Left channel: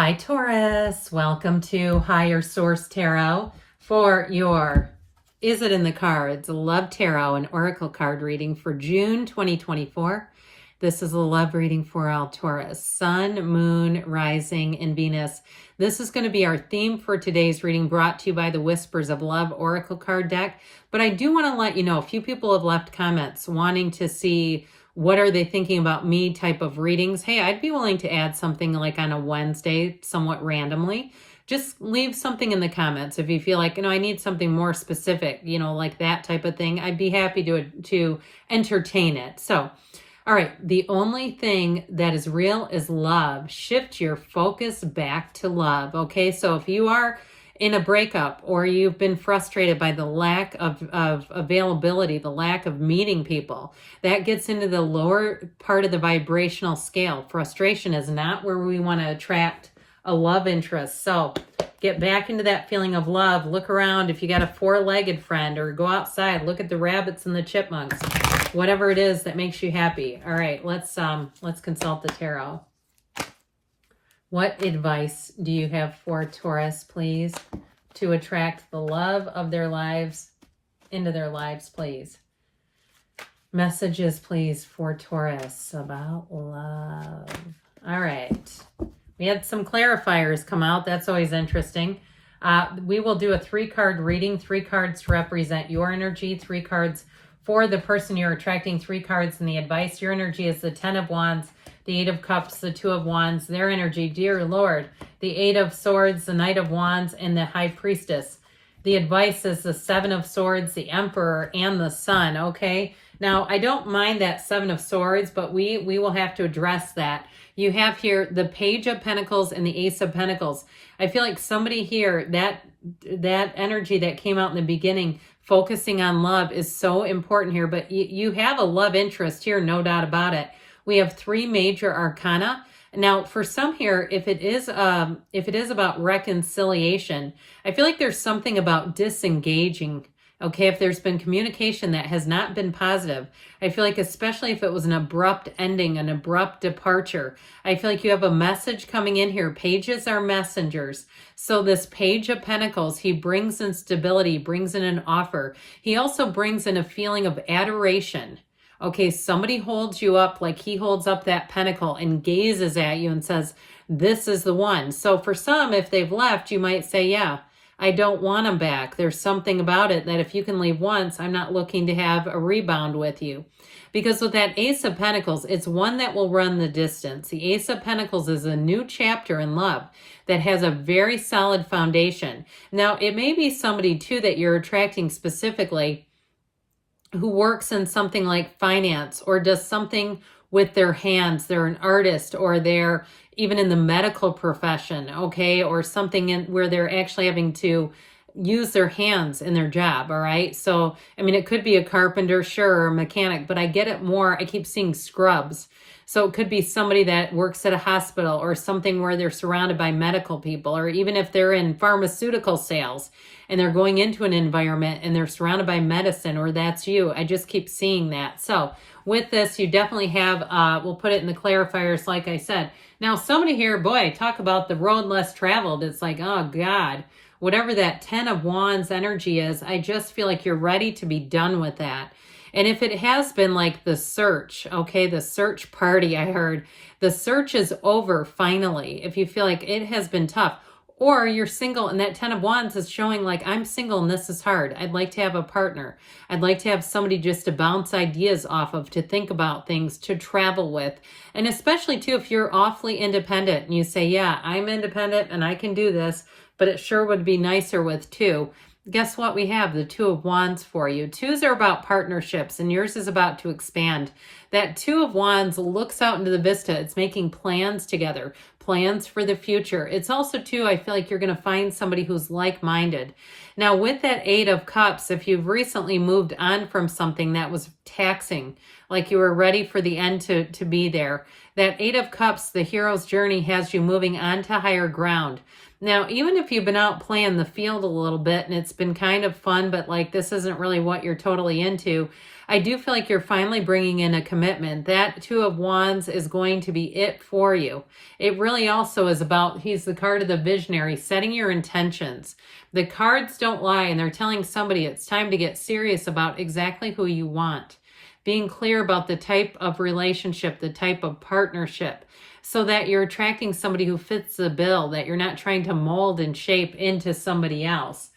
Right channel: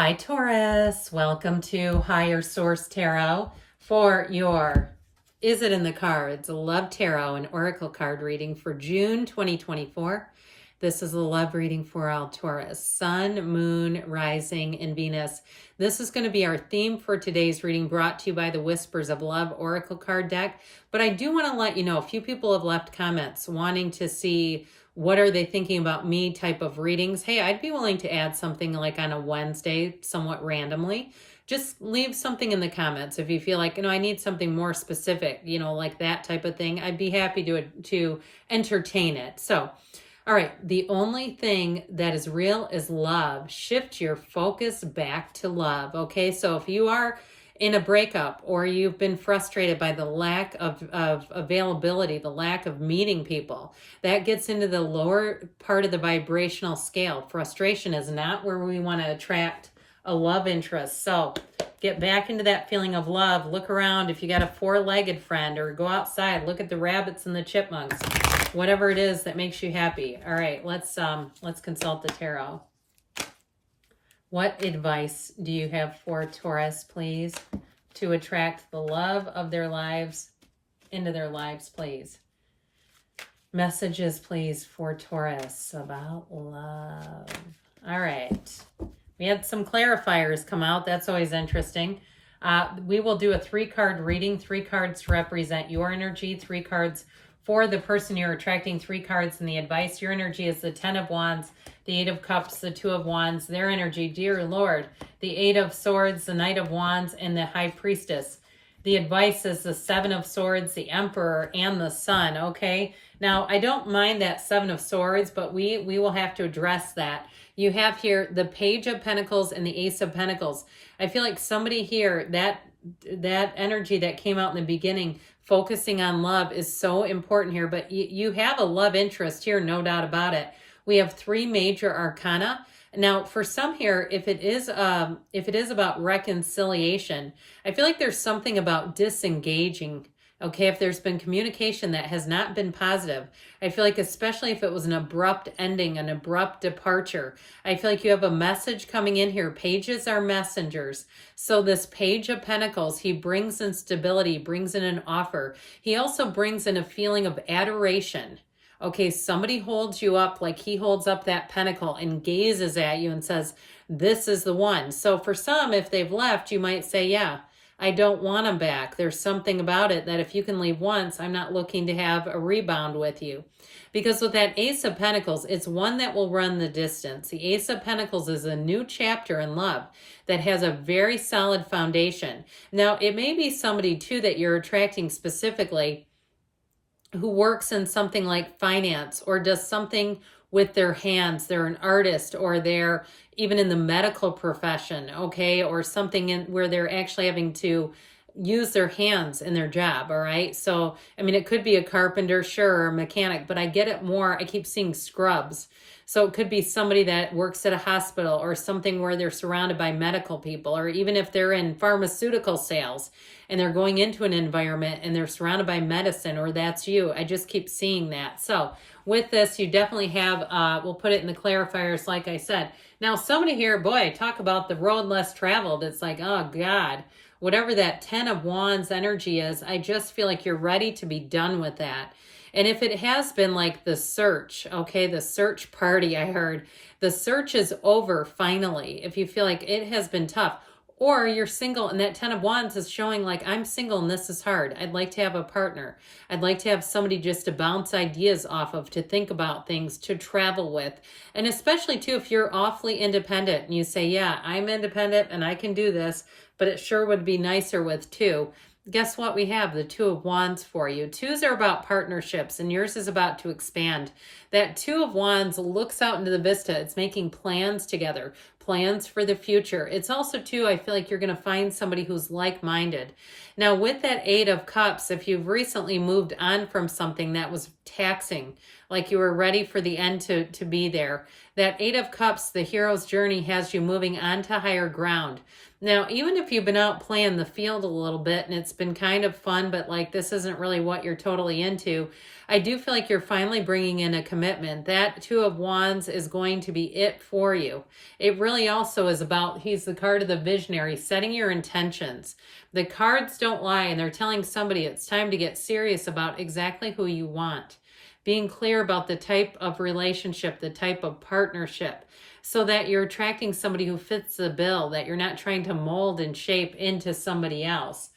Hi, Taurus. Welcome to Higher Source Tarot for your Is It in the Cards? Love Tarot and Oracle card reading for June 2024. This is a love reading for all Taurus, Sun, Moon, Rising, and Venus. This is going to be our theme for today's reading, brought to you by the Whispers of Love Oracle card deck. But I do want to let you know, a few people have left comments wanting to see what are they thinking about me type of readings. Hey, I'd be willing to add something like on a Wednesday, somewhat randomly. Just leave something in the comments if you feel like, I need something more specific, like that type of thing. I'd be happy to entertain it. So, all right, the only thing that is real is love. Shift your focus back to love, okay? So if you are in a breakup or you've been frustrated by the lack of availability, the lack of meeting people, that gets into the lower part of the vibrational scale. Frustration is not where we want to attract a love interest. So get back into that feeling of love. Look around if you got a four-legged friend, or go outside, look at the rabbits and the chipmunks, whatever it is that makes you happy. All right, let's consult the tarot. What advice do you have for Taurus, please, to attract the love of their lives into their lives, please? Messages, please, for Taurus about love. All right. We had some clarifiers come out. That's always interesting. We will do a 3-card reading, 3 cards to represent your energy, 3 cards for the person you're attracting, 3 cards in the advice. Your energy is the 10 of Wands, the 8 of Cups, the 2 of Wands. Their energy, dear Lord, the 8 of Swords, the Knight of Wands, and the High Priestess. The advice is the 7 of Swords, the Emperor, and the Sun, okay? Now, I don't mind that 7 of Swords, but we will have to address that. You have here the Page of Pentacles and the Ace of Pentacles. I feel like somebody here, that energy that came out in the beginning, focusing on love, is so important here. But you have a love interest here, no doubt about it. We have 3 major arcana. Now, for some here, if it is about reconciliation, I feel like there's something about disengaging. Okay, if there's been communication that has not been positive, I feel like, especially if it was an abrupt ending, an abrupt departure, I feel like you have a message coming in here. Pages are messengers. So this Page of Pentacles, he brings in stability, brings in an offer. He also brings in a feeling of adoration. Okay, somebody holds you up like he holds up that pentacle and gazes at you and says, this is the one. So for some, if they've left, you might say, yeah, I don't want them back. There's something about it that if you can leave once, I'm not looking to have a rebound with you. Because with that Ace of Pentacles, it's one that will run the distance. The Ace of Pentacles is a new chapter in love that has a very solid foundation. Now, it may be somebody too that you're attracting specifically who works in something like finance or does something with their hands. They're an artist, or they're even in the medical profession, okay, or something where they're actually having to use their hands in their job, all right? So, I mean, it could be a carpenter, sure, or a mechanic, but I get it more, I keep seeing scrubs. So it could be somebody that works at a hospital or something where they're surrounded by medical people, or even if they're in pharmaceutical sales and they're going into an environment and they're surrounded by medicine, or that's you. I just keep seeing that. So with this, you definitely have, we'll put it in the clarifiers, like I said. Now, somebody here, boy, talk about the road less traveled. It's like, oh God, whatever that 10 of Wands energy is, I just feel like you're ready to be done with that. And if it has been like the search, okay, the search party, I heard, the search is over finally. If you feel like it has been tough, or you're single and that 10 of Wands is showing like, I'm single and this is hard. I'd like to have a partner. I'd like to have somebody just to bounce ideas off of, to think about things, to travel with. And especially too, if you're awfully independent and you say, yeah, I'm independent and I can do this, but it sure would be nicer with 2. Guess what? We have the 2 of Wands for you. 2s are about partnerships, and yours is about to expand. That 2 of Wands looks out into the vista. It's making plans together, plans for the future. It's also too, I feel like you're going to find somebody who's like-minded. Now with that 8 of Cups, if you've recently moved on from something that was taxing, like you were ready for the end to be there, that 8 of Cups, the hero's journey, has you moving on to higher ground. Now, even if you've been out playing the field a little bit and it's been kind of fun, but like this isn't really what you're totally into, I do feel like you're finally bringing in a commitment. That Two of Wands is going to be it for you. It really also is about, he's the card of the visionary, setting your intentions. The cards don't lie, and they're telling somebody it's time to get serious about exactly who you want. Being clear about the type of relationship, the type of partnership, so that you're attracting somebody who fits the bill, that you're not trying to mold and shape into somebody else.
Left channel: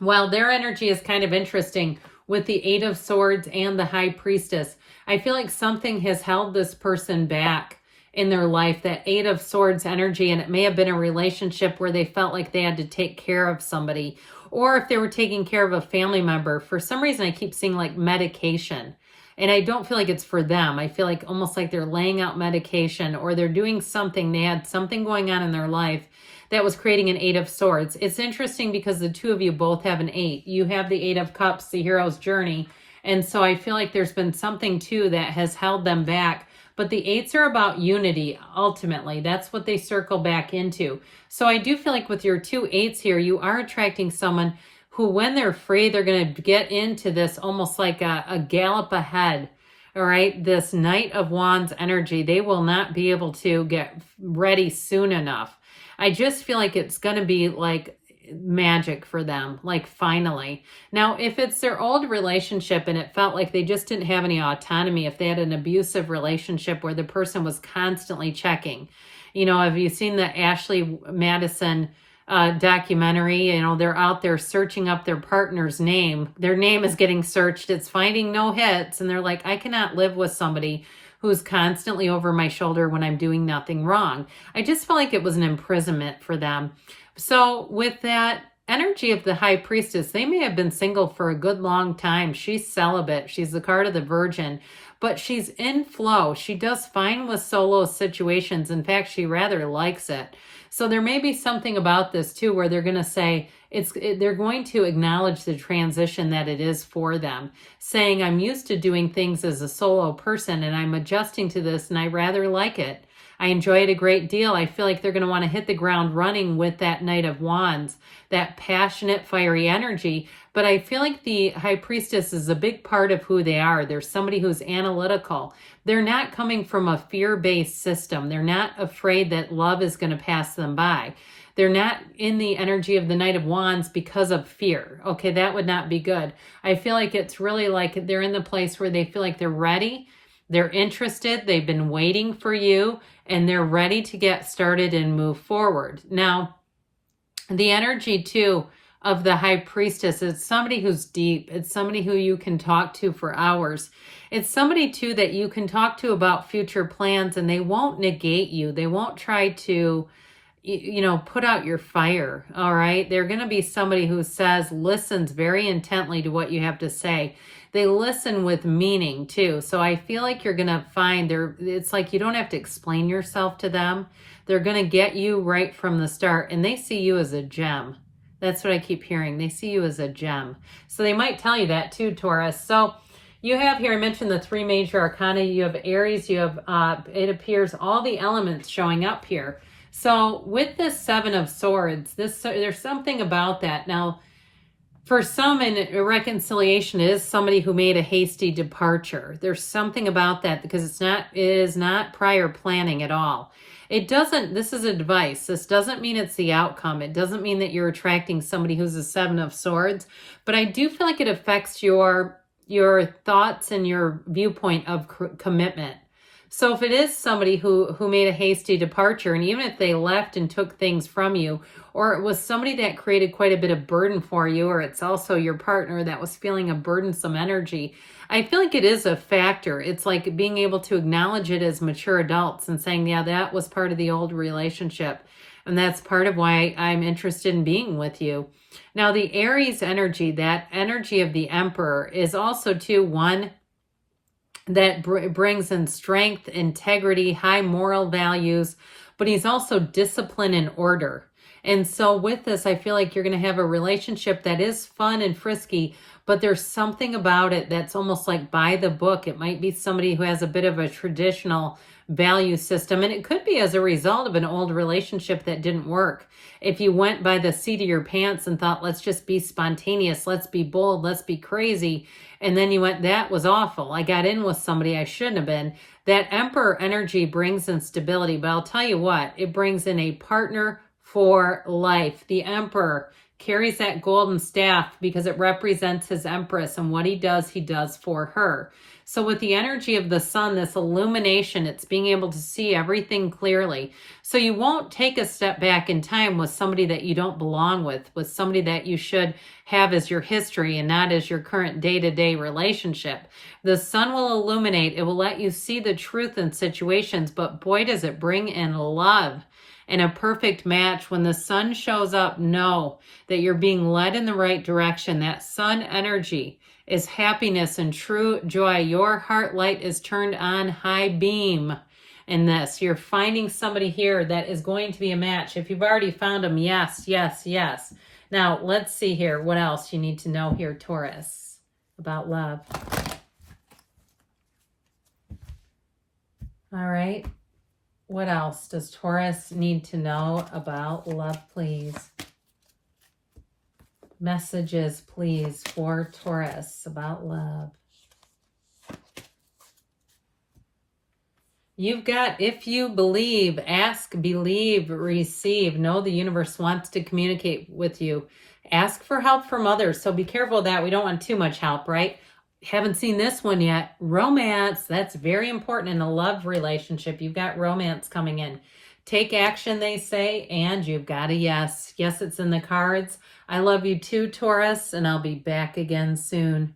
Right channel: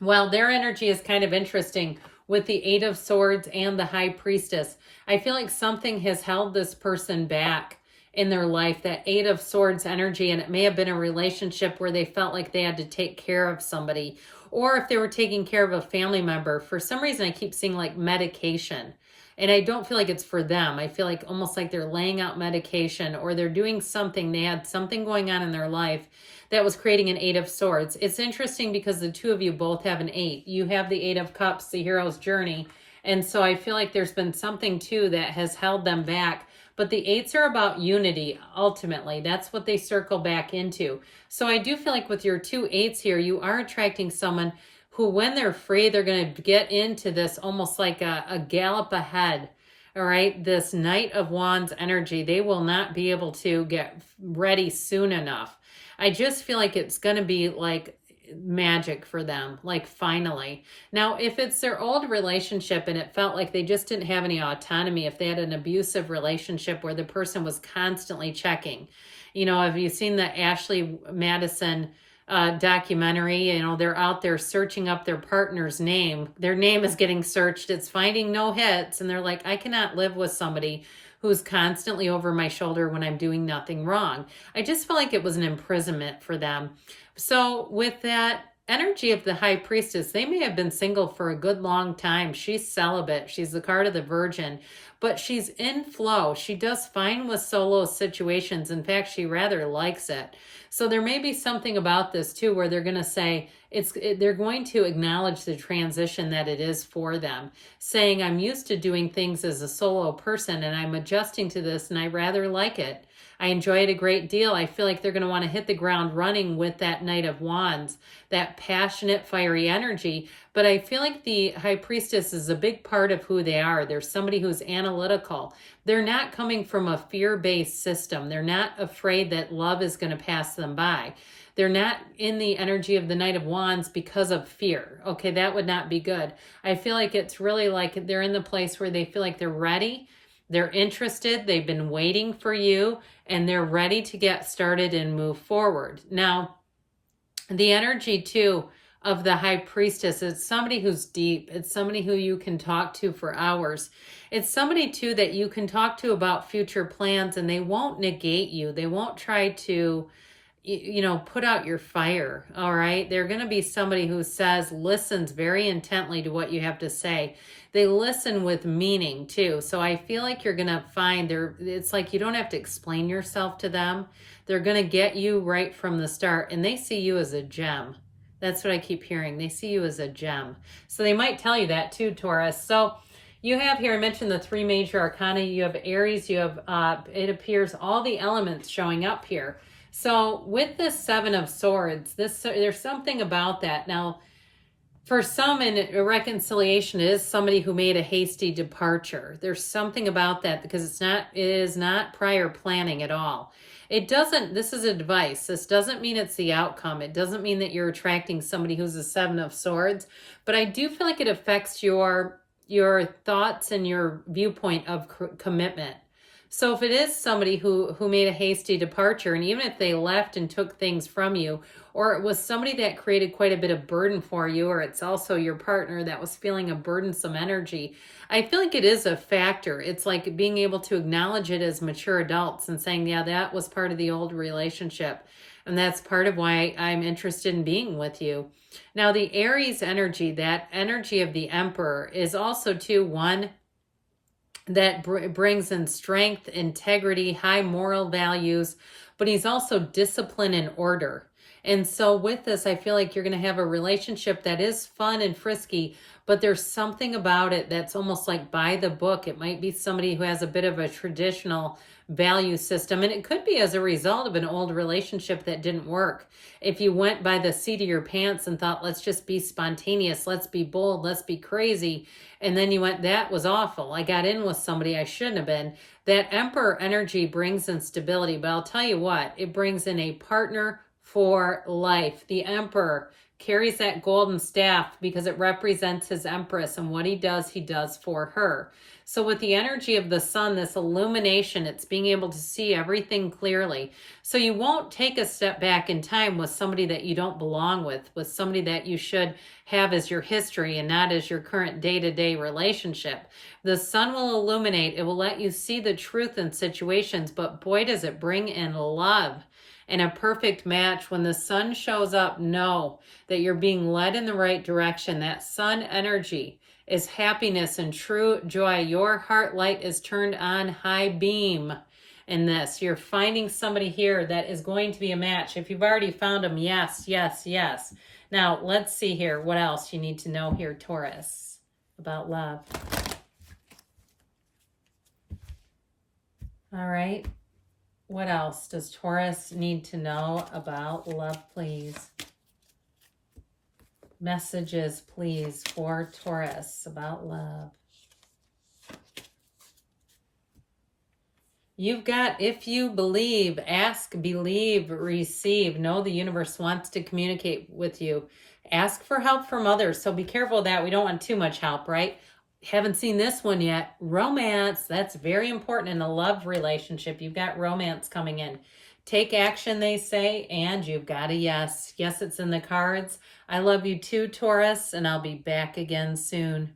Well, their energy is kind of interesting with the Eight of Swords and the High Priestess. I feel like something has held this person back in their life, that Eight of Swords energy, and it may have been a relationship where they felt like they had to take care of somebody, or if they were taking care of a family member. For some reason, I keep seeing like medication, and I don't feel like it's for them. I feel like almost like they're laying out medication, or they're doing something. They had something going on in their life that was creating an Eight of Swords. It's interesting because the two of you both have an 8. You have the 8 of Cups, the hero's journey. And so I feel like there's been something too that has held them back. But the 8s are about unity, ultimately. That's what they circle back into. So I do feel like with your two 8s here, you are attracting someone who, when they're free, they're going to get into this almost like a gallop ahead. All right, this Knight of Wands energy. They will not be able to get ready soon enough. I just feel like it's going to be like magic for them, like finally. Now, if it's their old relationship and it felt like they just didn't have any autonomy, if they had an abusive relationship where the person was constantly checking, you know, have you seen the Ashley Madison documentary? You know, they're out there searching up their partner's name. Their name is getting searched. It's finding no hits. And they're like, I cannot live with somebody who's constantly over my shoulder when I'm doing nothing wrong. I just felt like it was an imprisonment for them. So with that energy of the High Priestess, they may have been single for a good long time. She's celibate. She's the card of the Virgin, but she's in flow. She does fine with solo situations. In fact, she rather likes it. So there may be something about this too, where they're going to say, they're going to acknowledge the transition that it is for them, saying, I'm used to doing things as a solo person and I'm adjusting to this and I rather like it. I enjoy it a great deal. I feel like they're going to want to hit the ground running with that Knight of Wands, that passionate, fiery energy. But I feel like the High Priestess is a big part of who they are. They're somebody who's analytical. They're not coming from a fear-based system. They're not afraid that love is going to pass them by. They're not in the energy of the Knight of Wands because of fear. Okay, that would not be good. I feel like it's really like they're in the place where they feel like they're ready, they're interested, they've been waiting for you, and they're ready to get started and move forward. Now, the energy too of the High Priestess, it's somebody who's deep. It's somebody who you can talk to for hours. It's somebody too that you can talk to about future plans, and they won't negate you. They won't try to, you know, put out your fire. All right. They're going to be somebody who listens very intently to what you have to say. They listen with meaning too. So I feel like you're going to find it's like you don't have to explain yourself to them. They're going to get you right from the start, and they see you as a gem. That's what I keep hearing. They see you as a gem. So they might tell you that too, Taurus. So you have here, I mentioned the 3 major arcana. You have Aries, you have, it appears, all the elements showing up here. So with this 7 of Swords, there's something about that. Now, for some, a reconciliation is somebody who made a hasty departure. There's something about that because it is not prior planning at all. It doesn't, this is advice. This doesn't mean it's the outcome. It doesn't mean that you're attracting somebody who's a 7 of Swords, but I do feel like it affects your thoughts and your viewpoint of commitment. So if it is somebody who made a hasty departure, and even if they left and took things from you, or it was somebody that created quite a bit of burden for you, or it's also your partner that was feeling a burdensome energy, I feel like it is a factor. It's like being able to acknowledge it as mature adults and saying, yeah, that was part of the old relationship. And that's part of why I'm interested in being with you. Now, the Aries energy, that energy of the Emperor, is also too one that brings in strength, integrity, high moral values, but he's also discipline and order. And so with this, I feel like you're going to have a relationship that is fun and frisky, but there's something about it that's almost like by the book. It might be somebody who has a bit of a traditional value system. And it could be as a result of an old relationship that didn't work. If you went by the seat of your pants and thought, let's just be spontaneous, let's be bold, let's be crazy. And then you went, that was awful. I got in with somebody I shouldn't have been. That Emperor energy brings in stability. But I'll tell you what, it brings in a partner for life. The Emperor carries that golden staff because it represents his Empress, and what he does for her. So with the energy of the sun, this illumination, it's being able to see everything clearly. So you won't take a step back in time with somebody that you don't belong with somebody that you should have as your history and not as your current day-to-day relationship. The sun will illuminate. It will let you see the truth in situations, but boy, does it bring in love. And a perfect match. When the sun shows up, know that you're being led in the right direction. That sun energy is happiness and true joy. Your heart light is turned on high beam in this. You're finding somebody here that is going to be a match. If you've already found them, yes, yes, yes. Now, let's see here. What else you need to know here, Taurus, about love. All right. What else does Taurus need to know about love, please? Messages, please, for Taurus about love. You've got, if you believe, ask, believe, receive. Know the universe wants to communicate with you. Ask for help from others. So be careful of that. We don't want too much help, right? Haven't seen this one yet. Romance. That's very important in a love relationship. You've got romance coming in. Take action, they say, and you've got a yes. Yes, it's in the cards. I love you too, Taurus, and I'll be back again soon.